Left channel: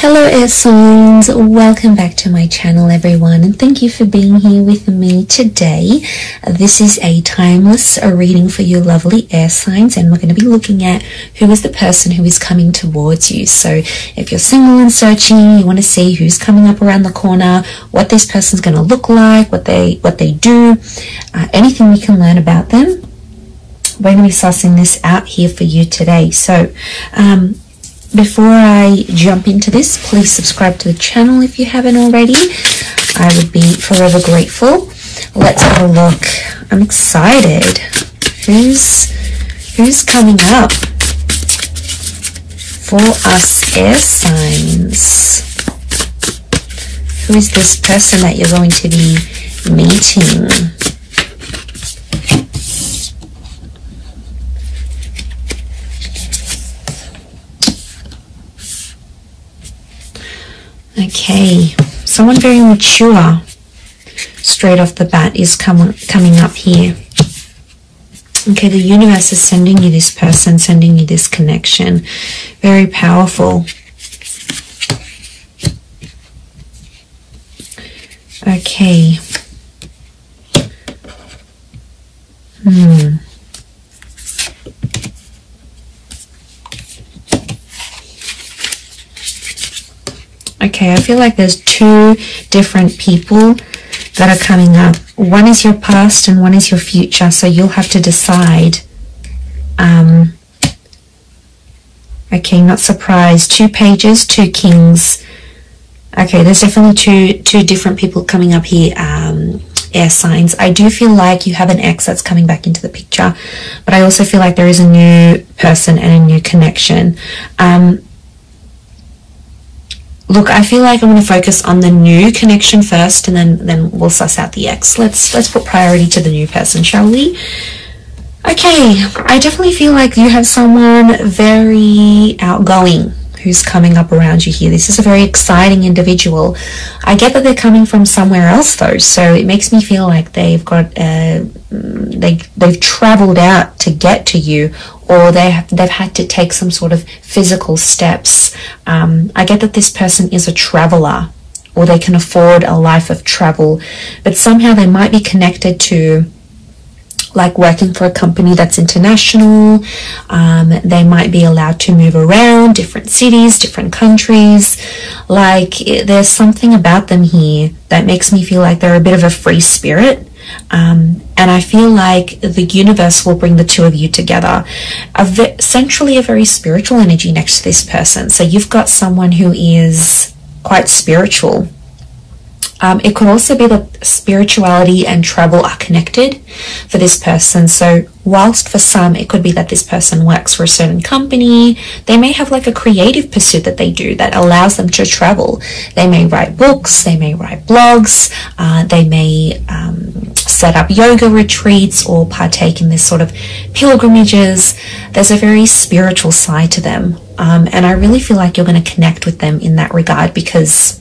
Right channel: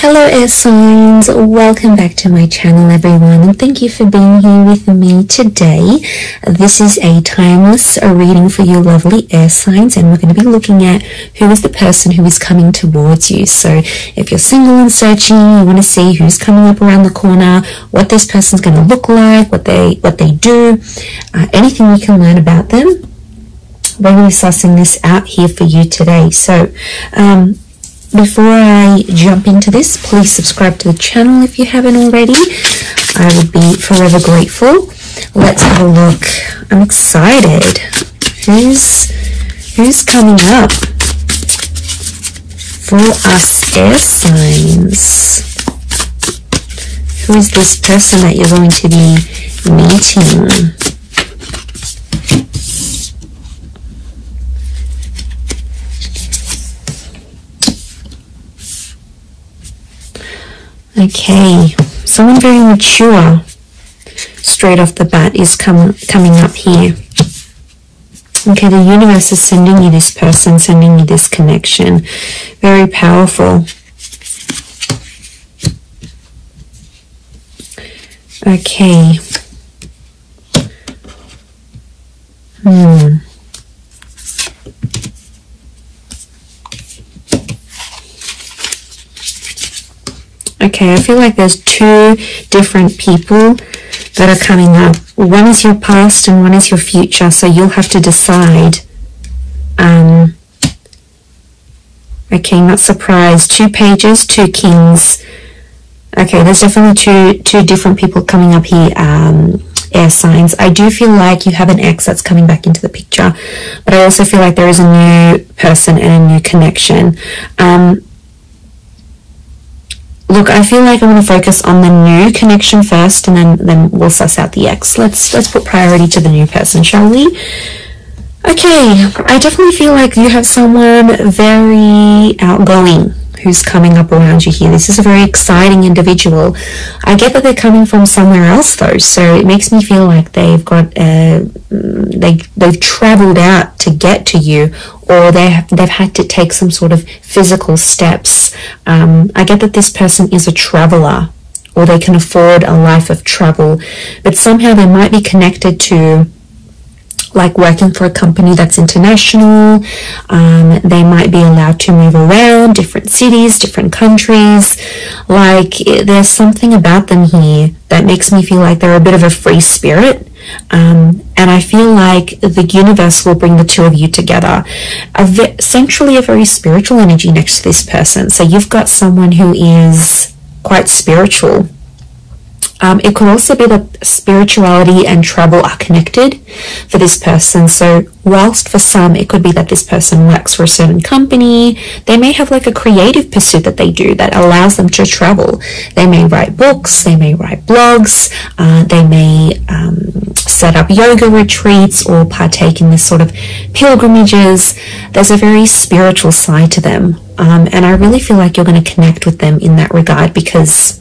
Hello air signs, welcome back to my channel everyone, and thank you for being here with me today. This is a timeless reading for you lovely air signs, and we're going to be looking at who is the person who is coming towards you. So if you're single and searching, you want to see who's coming up around the corner, what this person's going to look like, what they do, anything we can learn about them. We're going to be sussing this out here for you today. So before I jump into this, please subscribe to the channel if you haven't already. I would be forever grateful. Let's have a look. I'm excited. Who's coming up for us air signs? Who is this person that you're going to be meeting? Okay, someone very mature straight off the bat is coming up here. Okay, the universe is sending you this person, sending you this connection. Very powerful. Okay. Okay, I feel like there's two different people that are coming up. One is your past and one is your future, so you'll have to decide. Okay, not surprised. 2 pages, 2 kings. Okay, there's definitely two different people coming up here, air signs. I do feel like you have an ex that's coming back into the picture, but I also feel like there is a new person and a new connection. Look, I feel like I'm going to focus on the new connection first, and then we'll suss out the ex. Let's put priority to the new person, shall we? Okay, I definitely feel like you have someone very outgoing who's coming up around you here. This is a very exciting individual. I get that they're coming from somewhere else though, so it makes me feel like they've got they've traveled out to get to you, or they've had to take some sort of physical steps. I get that this person is a traveler, or they can afford a life of travel, but somehow they might be connected to, like, working for a company that's international. They might be allowed to move around different cities, different countries. Like, there's something about them here that makes me feel like they're a bit of a free spirit. And I feel like the universe will bring the two of you together. Essentially a very spiritual energy next to this person. So you've got someone who is quite spiritual. It could also be that spirituality and travel are connected for this person. So whilst for some it could be that this person works for a certain company, they may have like a creative pursuit that they do that allows them to travel. They may write books, they may write blogs, they may set up yoga retreats or partake in this sort of pilgrimages. There's a very spiritual side to them, and I really feel like you're going to connect with them in that regard, because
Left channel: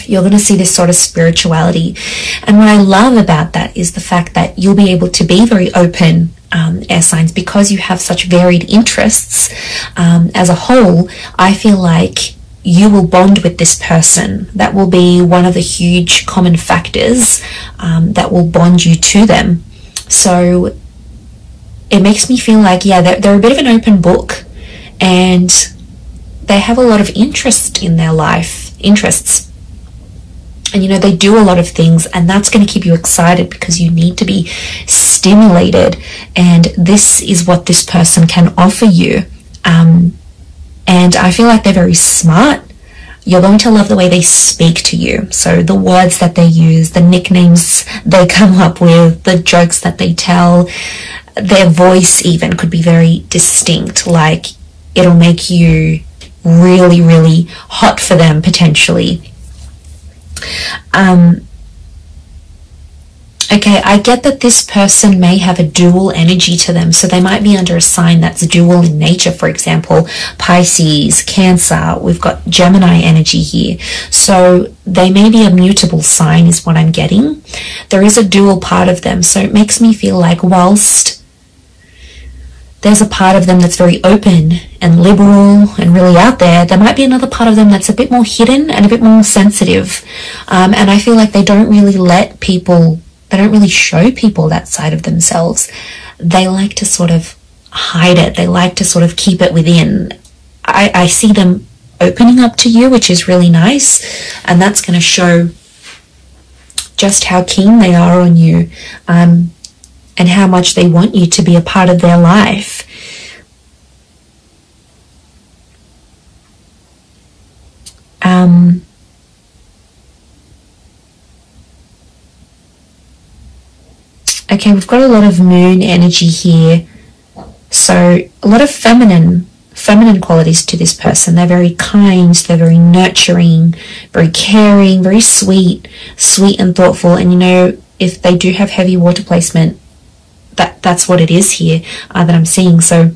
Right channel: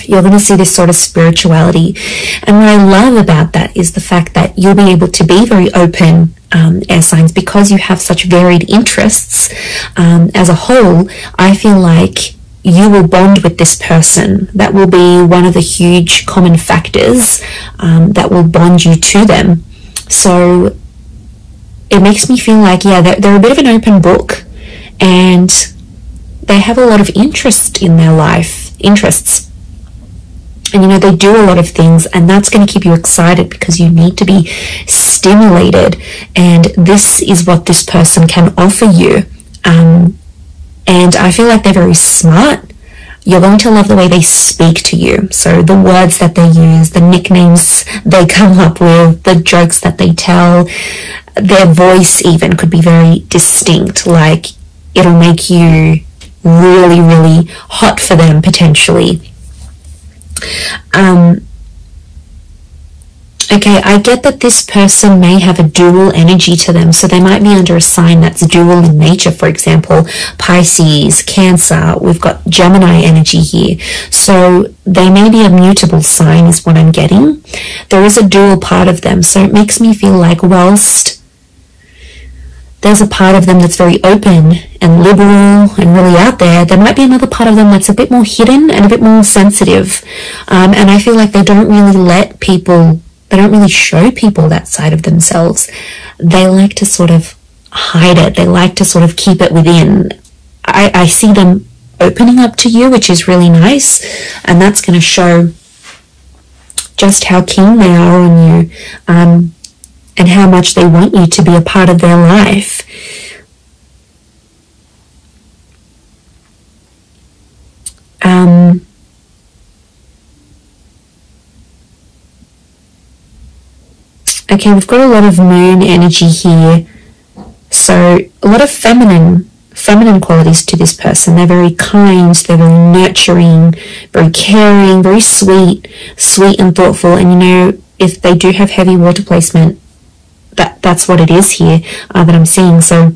you're going to see this sort of spirituality. And what I love about that is the fact that you'll be able to be very open, air signs, because you have such varied interests. As a whole, I feel like you will bond with this person. That will be one of the huge common factors that will bond you to them. So it makes me feel like, yeah, they're a bit of an open book, and they have a lot of interest in their life, interests. And, you know, they do a lot of things, and that's going to keep you excited because you need to be stimulated. And this is what this person can offer you. And I feel like they're very smart. You're going to love the way they speak to you. So the words that they use, the nicknames they come up with, the jokes that they tell, their voice even could be very distinct. Like, it'll make you really, really hot for them potentially. Okay, I get that this person may have a dual energy to them, so they might be under a sign that's dual in nature. For example, Pisces, Cancer, we've got Gemini energy here. So they may be a mutable sign is what I'm getting. There is a dual part of them, so it makes me feel like whilst there's a part of them that's very open and liberal and really out there. There might be another part of them that's a bit more hidden and a bit more sensitive. And I feel like they don't really let people, they don't really show people that side of themselves. They like to sort of hide it. They like to sort of keep it within. I see them opening up to you, which is really nice. And that's going to show just how keen they are on you, and how much they want you to be a part of their life. Okay, we've got a lot of moon energy here. So a lot of feminine qualities to this person. They're very kind, they're very nurturing, very caring, very sweet and thoughtful. And you know, if they do have heavy water placement, that's what it is here that I'm seeing. So,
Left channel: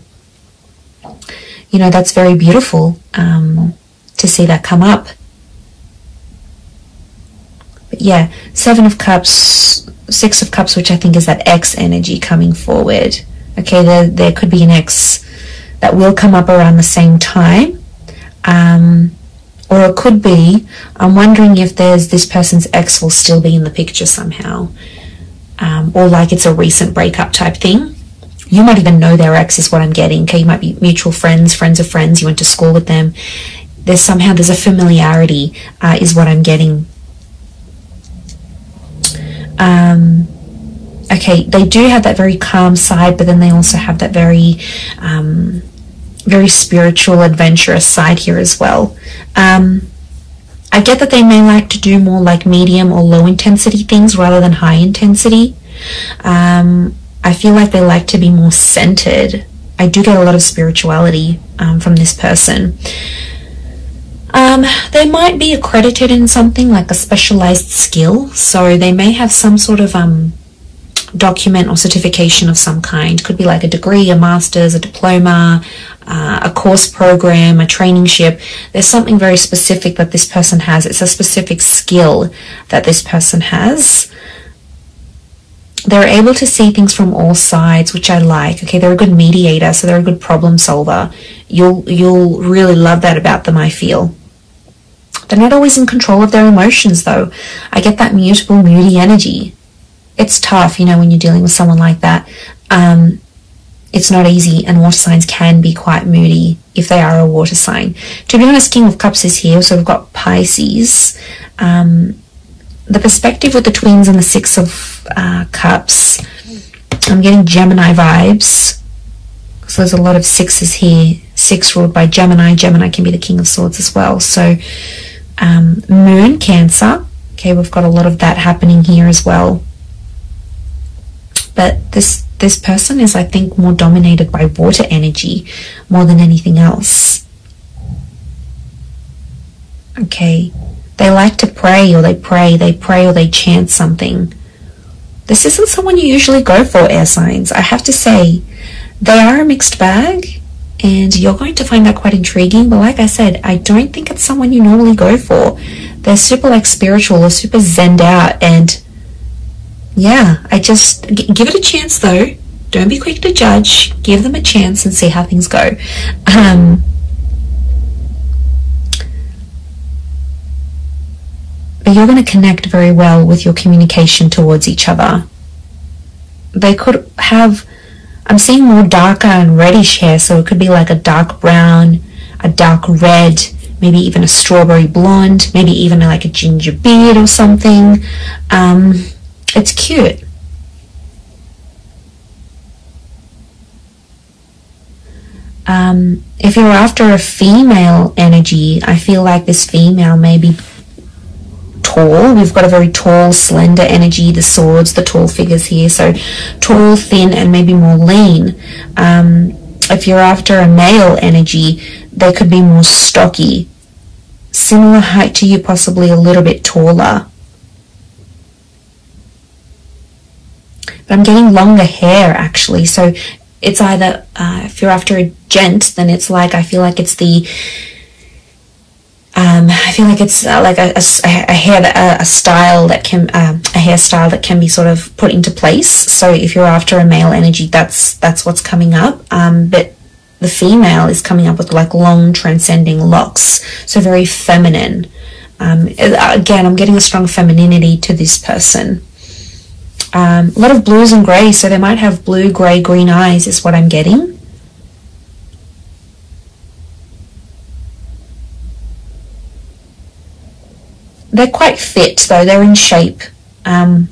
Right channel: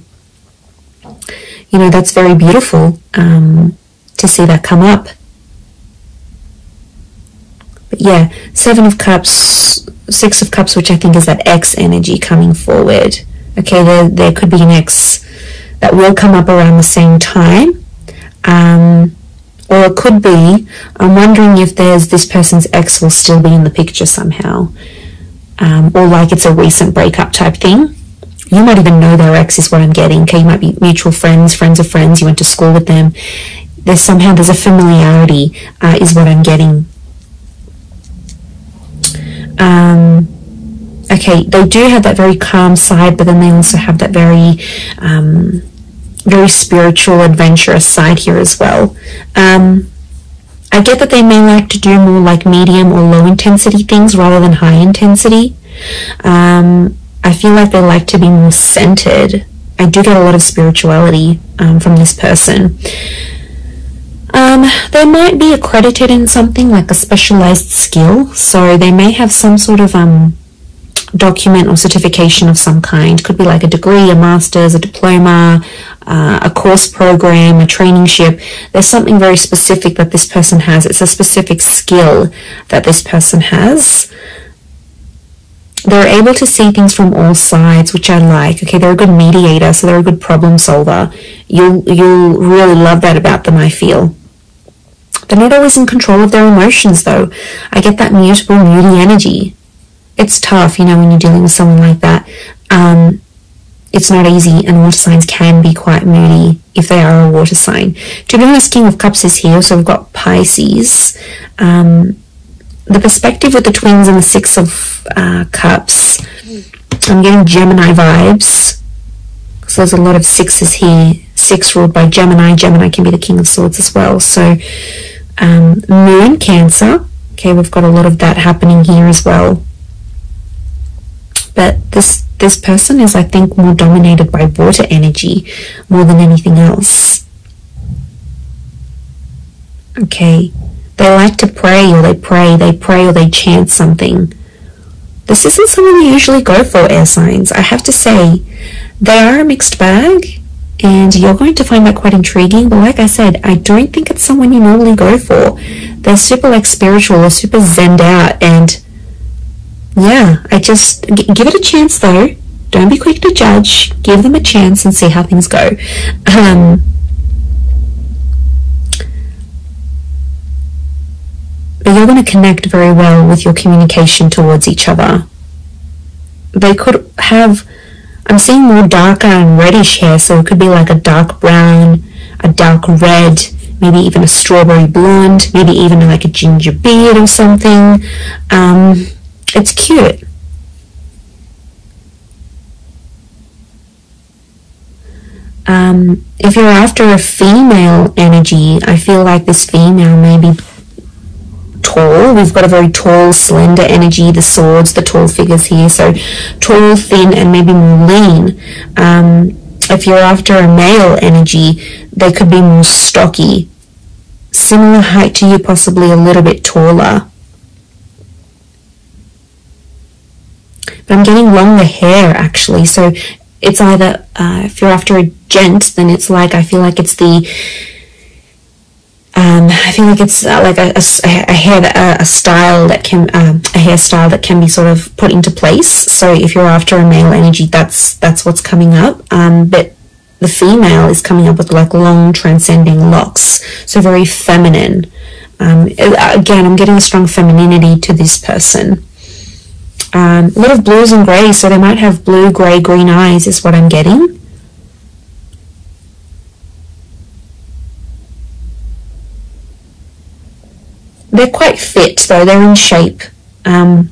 you know, that's very beautiful to see that come up. But yeah, 7 of Cups, 6 of Cups, which I think is that X energy coming forward. Okay, there could be an X that will come up around the same time. Or it could be, I'm wondering if this person's ex will still be in the picture somehow. Or like it's a recent breakup type thing. You might even know their ex is what I'm getting. Okay, you might be mutual friends, friends of friends, you went to school with them. There's a familiarity is what I'm getting. Okay, they do have that very calm side, but then they also have that very spiritual, adventurous side here as well. I get that they may like to do more like medium or low intensity things rather than high intensity. I feel like they like to be more centered. I do get a lot of spirituality from this person. They might be accredited in something like a specialized skill, so they may have some sort of document or certification of some kind. Could be like a degree, a master's, a diploma, a course program, a traineeship. There's something very specific that this person has. It's a specific skill that this person has. They're able to see things from all sides, which I like. Okay, they're a good mediator, so they're a good problem solver. You'll really love that about them, I feel. They're not always in control of their emotions, though. I get that mutable, moody energy. It's tough, you know, when you're dealing with someone like that. It's not easy, and water signs can be quite moody if they are a water sign. To be honest, King of Cups is here, so we've got Pisces. The perspective with the twins and the 6 of Cups, I'm getting Gemini vibes. So there's a lot of 6s here. 6 ruled by Gemini. Gemini can be the King of Swords as well. So Moon, Cancer. Okay, we've got a lot of that happening here as well. But this person is, I think, more dominated by water energy more than anything else. Okay. They like to pray, or they pray, or they chant something. This isn't someone you usually go for, air signs. I have to say, they are a mixed bag, and you're going to find that quite intriguing. But like I said, I don't think it's someone you normally go for. They're super like spiritual, or super zenned out, and yeah, I just give it a chance though. Don't be quick to judge. Give them a chance and see how things go. But you're going to connect very well with your communication towards each other. They could have, I'm seeing more darker and reddish hair, so it could be like a dark brown, a dark red, maybe even a strawberry blonde, maybe even like a ginger beard or something. It's cute. If you're after a female energy, I feel like this female may be tall. We've got a very tall, slender energy, the swords, the tall figures here. So tall, thin, and maybe more lean. If you're after a male energy, they could be more stocky. Similar height to you, possibly a little bit taller. But I'm getting longer hair, actually. So it's either, if you're after a gent, then it's like, I feel like it's the I feel like it's like a hairstyle that can be sort of put into place. So if you're after a male energy, that's what's coming up. But the female is coming up with like long transcending locks, so very feminine. Again, I'm getting a strong femininity to this person. A lot of blues and greys, so they might have blue, grey, green eyes is what I'm getting. They're quite fit though, they're in shape. And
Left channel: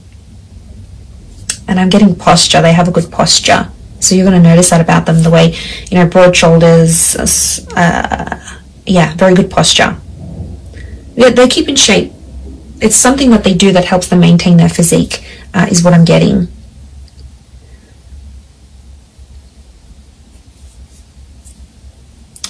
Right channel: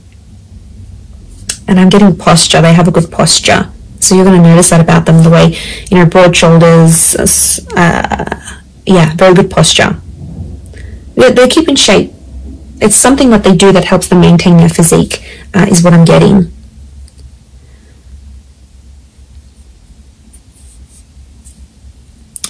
I'm getting posture, they have a good posture. So you're going to notice that about them, the way, you know, broad shoulders, yeah, very good posture. They keep in shape. It's something that they do that helps them maintain their physique, is what I'm getting.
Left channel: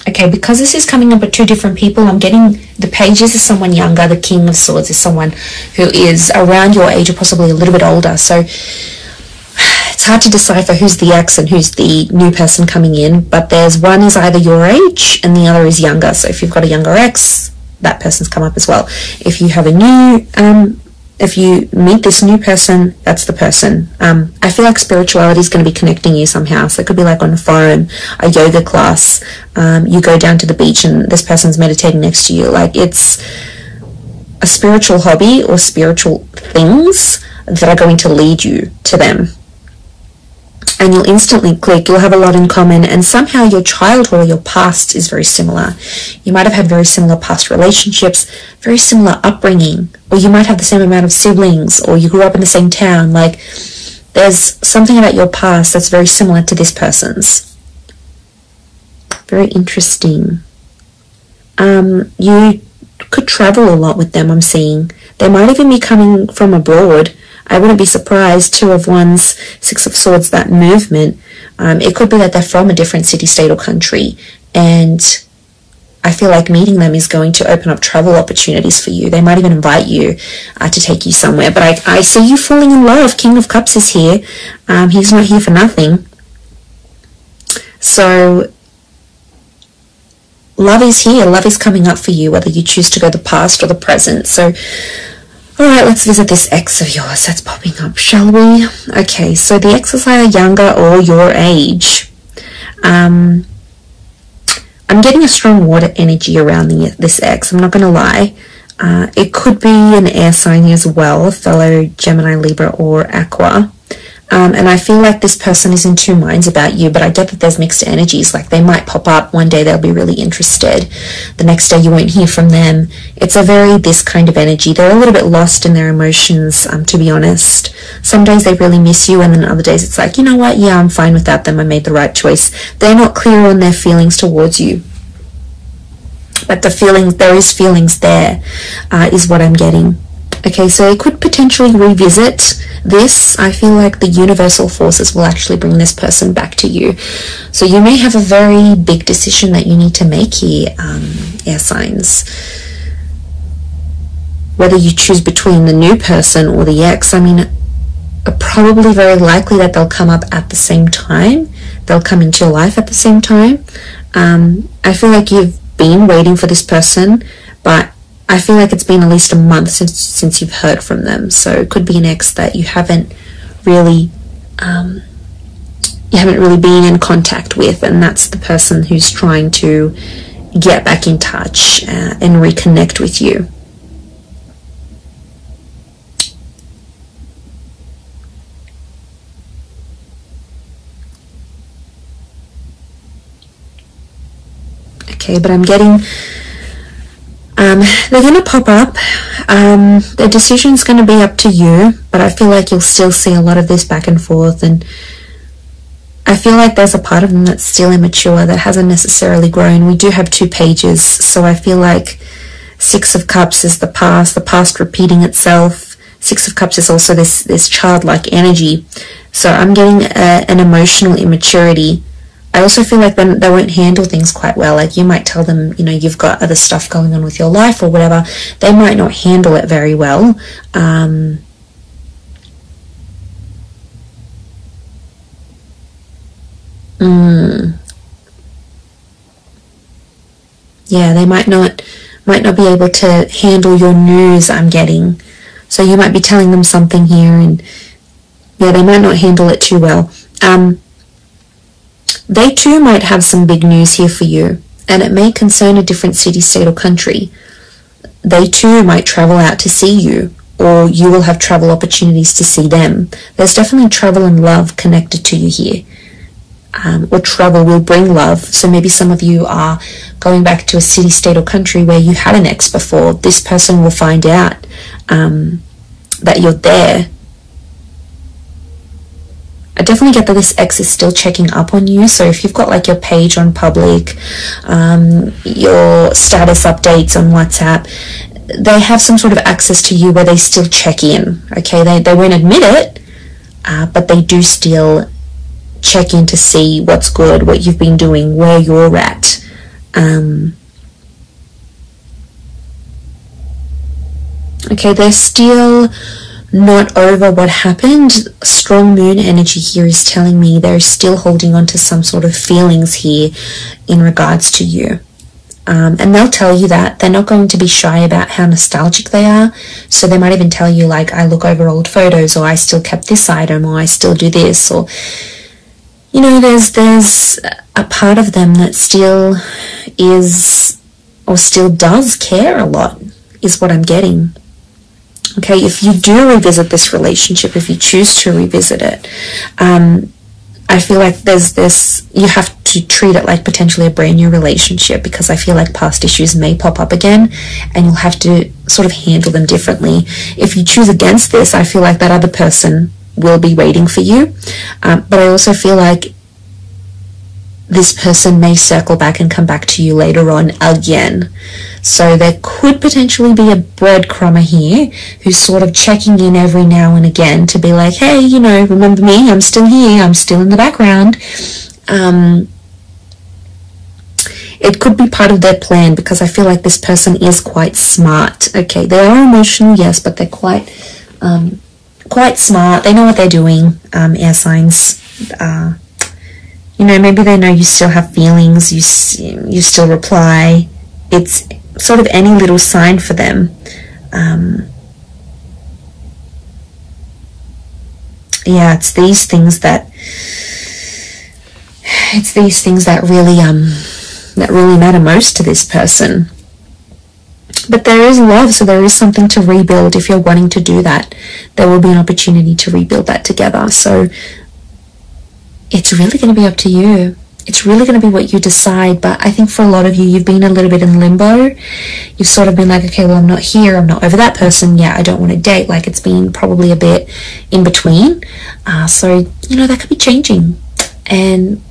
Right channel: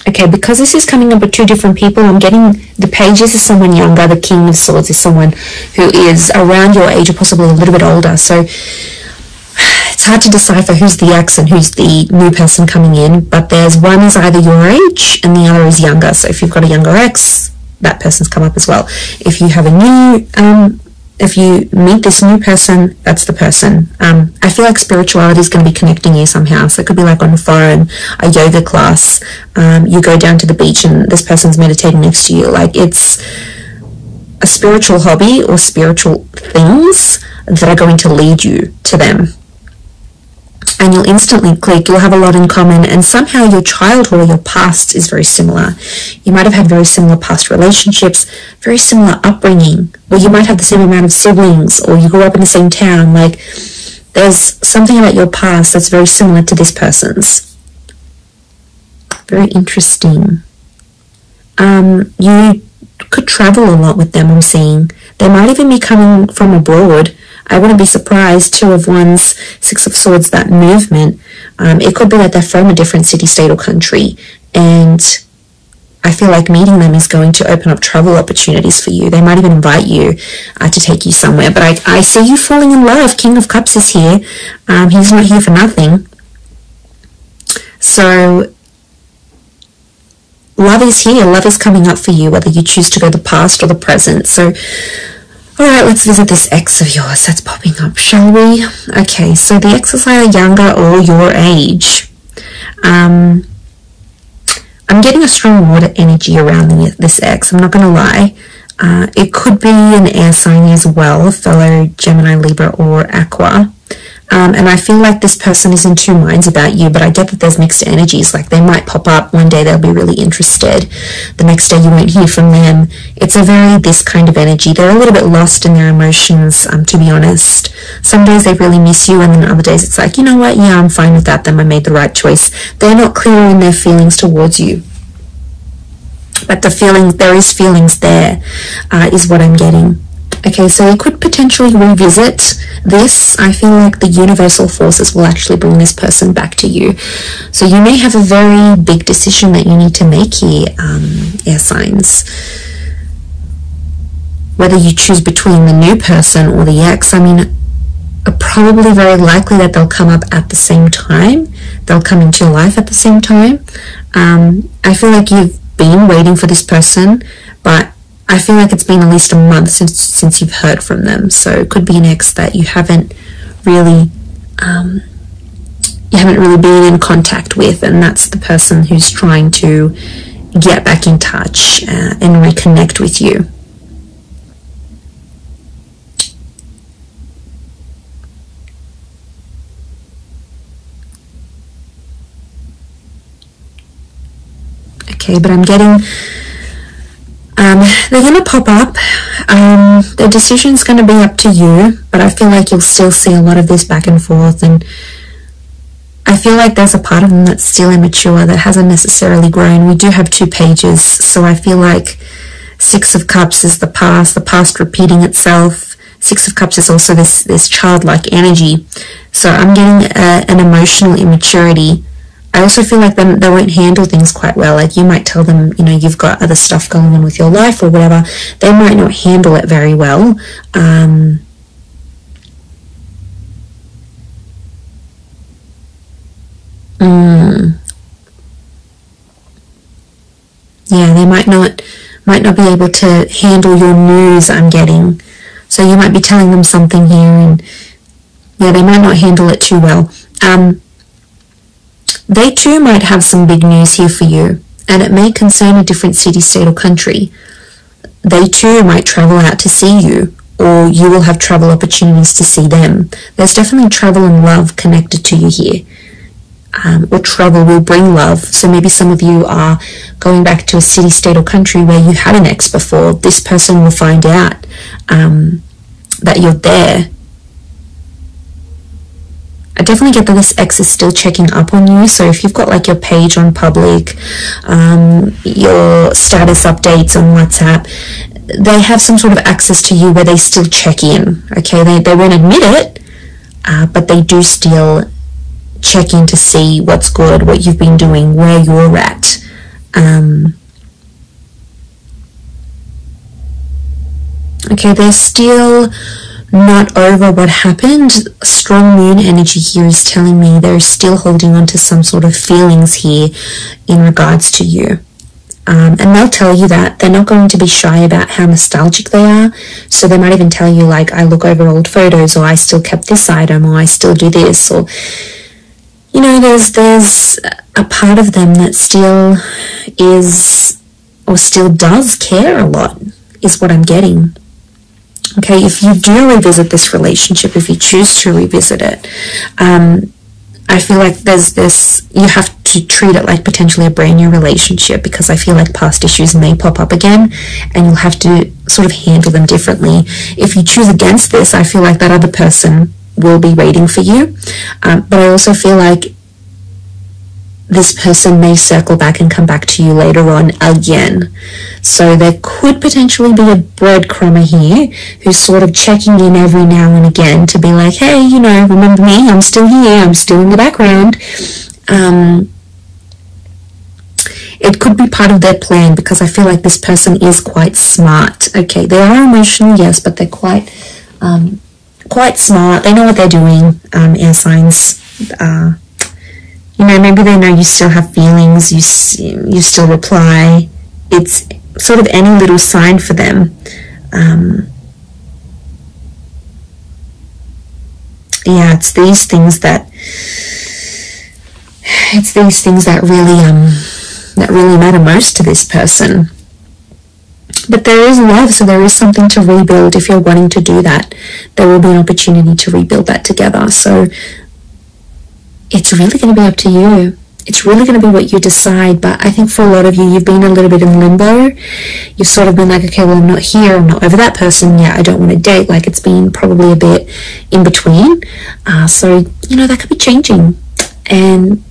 Okay, because this is coming up with two different people, I'm getting the pages is someone younger, the king of swords is someone who is around your age or possibly a little bit older. So it's hard to decipher who's the ex and who's the new person coming in, but there's one is either your age and the other is younger. So if you've got a younger ex, that person's come up as well. If you have a new, if you meet this new person, that's the person. I feel like spirituality is going to be connecting you somehow. So it could be like on the phone, a yoga class, you go down to the beach and this person's meditating next to you. Like it's a spiritual hobby or spiritual things that are going to lead you to them. And you'll instantly click, you'll have a lot in common, and somehow your childhood or your past is very similar. You might have had very similar past relationships, very similar upbringing, or you might have the same amount of siblings, or you grew up in the same town. Like, there's something about your past that's very similar to this person's. Very interesting. You could travel a lot with them, I'm seeing. They might even be coming from abroad. I wouldn't be surprised. Two of Wands, Six of Swords, that movement. It could be that they're from a different city, state, or country. And I feel like meeting them is going to open up travel opportunities for you. They might even invite you to take you somewhere. But I see you falling in love. King of Cups is here. He's not here for nothing. So love is here. Love is coming up for you, whether you choose to go the past or the present. So alright, let's visit this ex of yours that's popping up, shall we? Okay, so the ex is either younger or your age. I'm getting a strong water energy around this ex, I'm not going to lie. It could be an air sign as well, fellow Gemini, Libra, or Aqua. And I feel like this person is in two minds about you, but I get that there's mixed energies. Like, they might pop up one day, they'll be really interested. The next day you won't hear from them. It's a very this kind of energy. They're a little bit lost in their emotions, to be honest. Some days they really miss you, and then other days it's like, you know what, yeah, I'm fine with that, then I made the right choice. They're not clear on their feelings towards you. But the feeling, there is feelings there, is what I'm getting. Okay, so I could potentially revisit this. I feel like the universal forces will actually bring this person back to you. So you may have a very big decision that you need to make here, air signs. Whether you choose between the new person or the ex, I mean, probably very likely that they'll come up at the same time. They'll come into your life at the same time. I feel like you've been waiting for this person, but I feel like it's been at least a month since you've heard from them. So it could be an ex that you haven't really been in contact with, and that's the person who's trying to get back in touch and reconnect with you. Okay, but I'm getting they're going to pop up. The decision's going to be up to you, but I feel like you'll still see a lot of this back and forth, and I feel like there's a part of them that's still immature, that hasn't necessarily grown. We do have two pages, so I feel like Six of Cups is the past repeating itself. Six of Cups is also this childlike energy. So I'm getting an emotional immaturity. I also feel like they won't handle things quite well. Like, you might tell them, you know, you've got other stuff going on with your life or whatever. They might not handle it very well. Yeah, they might might not be able to handle your news, I'm getting. So you might be telling them something here, and yeah, they might not handle it too well. They too might have some big news here for you, and it may concern a different city, state, or country. They too might travel out to see you, or you will have travel opportunities to see them. There's definitely travel and love connected to you here. Or travel will bring love. So maybe some of you are going back to a city, state, or country where you had an ex before. This person will find out that you're there. I definitely get that this ex is still checking up on you. So if you've got like your page on public, your status updates on WhatsApp, they have some sort of access to you where they still check in. Okay, they won't admit it, but they do still check in to see what's good, what you've been doing, where you're at. Okay, they're still not over what happened. Strong moon energy here is telling me they're still holding on to some sort of feelings here in regards to you. And they'll tell you that. They're not going to be shy about how nostalgic they are. So they might even tell you, like, I look over old photos, or I still kept this item, or I still do this, or, you know, there's a part of them that still is, or still does care a lot, is what I'm getting. Okay, if you do revisit this relationship, if you choose to revisit it, I feel like there's this, you have to treat it like potentially a brand new relationship, because I feel like past issues may pop up again and you'll have to sort of handle them differently. If you choose against this, I feel like that other person will be waiting for you. But I also feel like this person may circle back and come back to you later on again. So there could potentially be a breadcrumber here who's sort of checking in every now and again to be like, hey, you know, remember me? I'm still here. I'm still in the background. It could be part of their plan, because I feel like this person is quite smart. Okay, they are emotional, yes, but they're quite smart. They know what they're doing. Air signs. You know, maybe they know you still have feelings. You still reply. It's sort of any little sign for them. Yeah, it's these things that really matter most to this person. But there is love, so there is something to rebuild. If you're wanting to do that, there will be an opportunity to rebuild that together. So it's really going to be up to you. It's really going to be what you decide. But I think for a lot of you, you've been a little bit in limbo. You've sort of been like, okay, well, I'm not here, I'm not over that person yet, I don't want to date. Like, it's been probably a bit in between. So, you know, that could be changing. And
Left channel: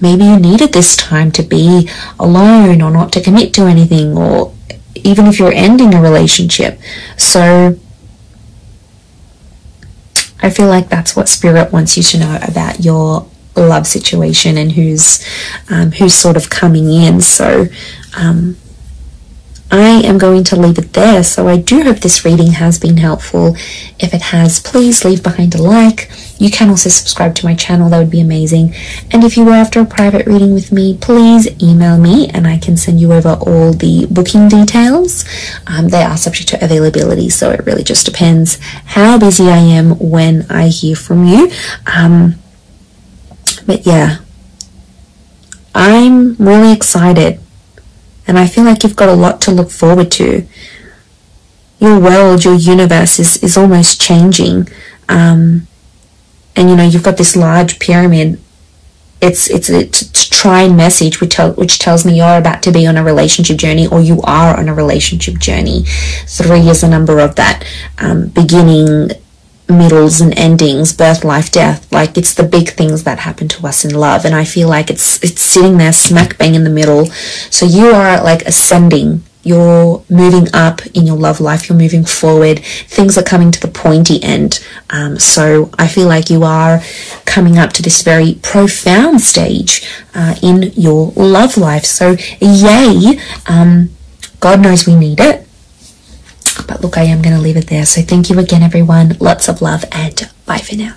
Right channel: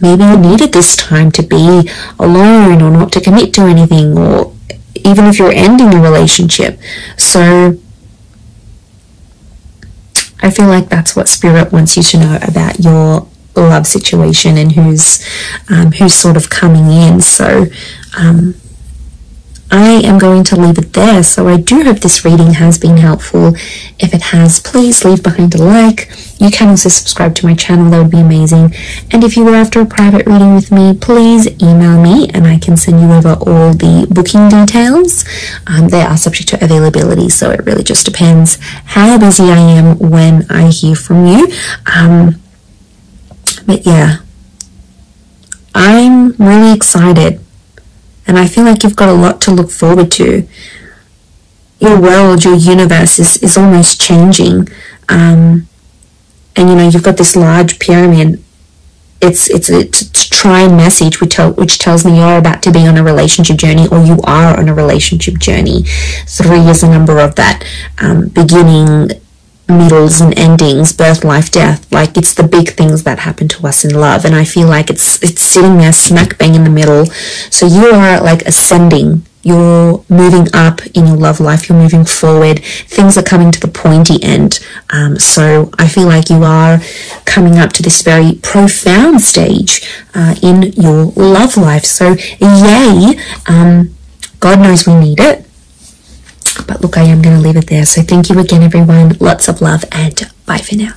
maybe you needed this time to be alone, or not to commit to anything, or even if you're ending a relationship. So I feel like that's what Spirit wants you to know about your love situation and who's sort of coming in. So I am going to leave it there. So I do hope this reading has been helpful. If it has, please leave behind a like. You can also subscribe to my channel, that would be amazing. And if you were after a private reading with me, please email me and I can send you over all the booking details. They are subject to availability, so it really just depends how busy I am when I hear from you. But yeah, I'm really excited. And I feel like you've got a lot to look forward to. Your world, your universe is almost changing. And you know, you've got this large pyramid. It's a trine message which tells me you're about to be on a relationship journey, or you are on a relationship journey. 3 is the number of that. Beginning, middles and endings, birth, life, death. Like, it's the big things that happen to us in love, and I feel like it's sitting there smack bang in the middle. So you are like ascending, you're moving up in your love life, you're moving forward, things are coming to the pointy end. So I feel like you are coming up to this very profound stage in your love life. So yay, God knows we need it. But look, I am going to leave it there. So thank you again, everyone. Lots of love, and bye for now.